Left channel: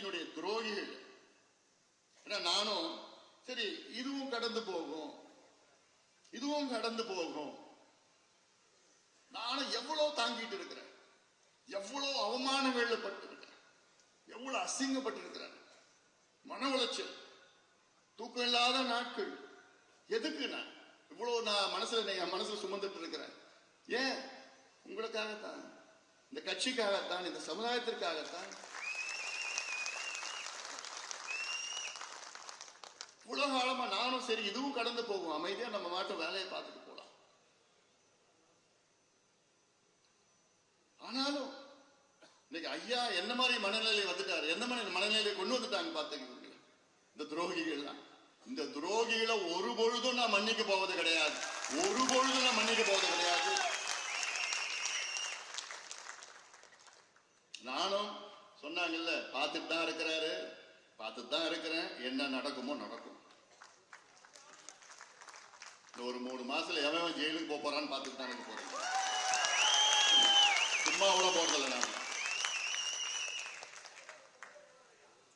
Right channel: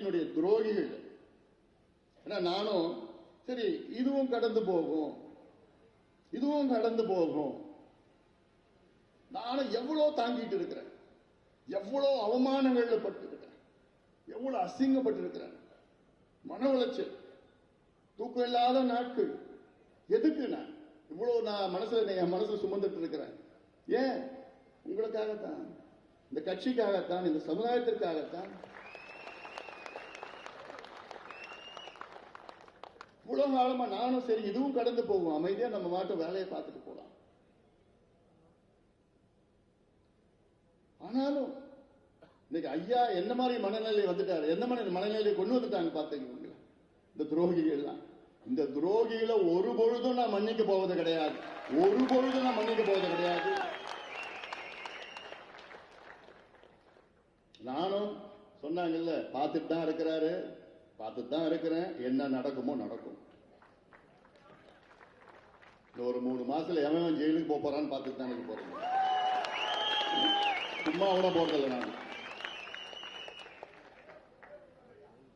கட்சியினுடைய துரோகிகள். ஏன்னா நானும் சரி இதுவும் கடந்து போகும், இதுவும் கடந்து போகும். நானும் எவ்வளவு தாங்கிட்டு இருக்கிறேன், எவ்வளவு அவமானங்கள்ல பட்டிருக்கிறேன், எவ்வளவு அசிங்கப்பட்டிருக்கிறேன், மன உளைச்சல், தூக்கம் இல்லாத நாட்கள். எதுக்கு நான் இவ்வளவு நான் மனசுல சுமந்துட்டு இருக்கிறேன்? ஏன்? உங்களுக்காகத்தான், இந்த கட்சிக்காகத்தான், இந்த சமுதாயத்திற்காகத்தான். இவ்வளவு காலமா நானும் சரி இதுவும் கடந்து போகும், அமைதியா நம்ம மாட்டு வேலையை பார்த்துட்டு போலாம். ஆனாலும் இன்னைக்கு ஐயா என்ன மாதிரி மனநிலை வந்துட்டாரு, என்ன மாதிரி மனநிலையை கொண்டு வந்துட்டாங்க பாத்தீங்க இந்த துரோகிகள்லாம். இந்த துரோகிகளை ஒரு பொழுதும் நான் மன்னிக்க போவது கிடையாது, ஒரு பொழுதும் நான் மன்னிக்க போவது கிடையாது. நானும் சொன்னாங்கல்ல, பார்த்துட்டு தான் இருக்கிறாரு, பார்த்துட்டு தான் இருக்கிறேன், என்ன நடக்குமோ நடக்கும். ஒரு 3 மாசத்துல எவன் ஜெயிலுக்கு போறான்னு பார்த்துட்டு தான் எனக்கு போறேன், சும்மா கூட போறதில்லை நான்.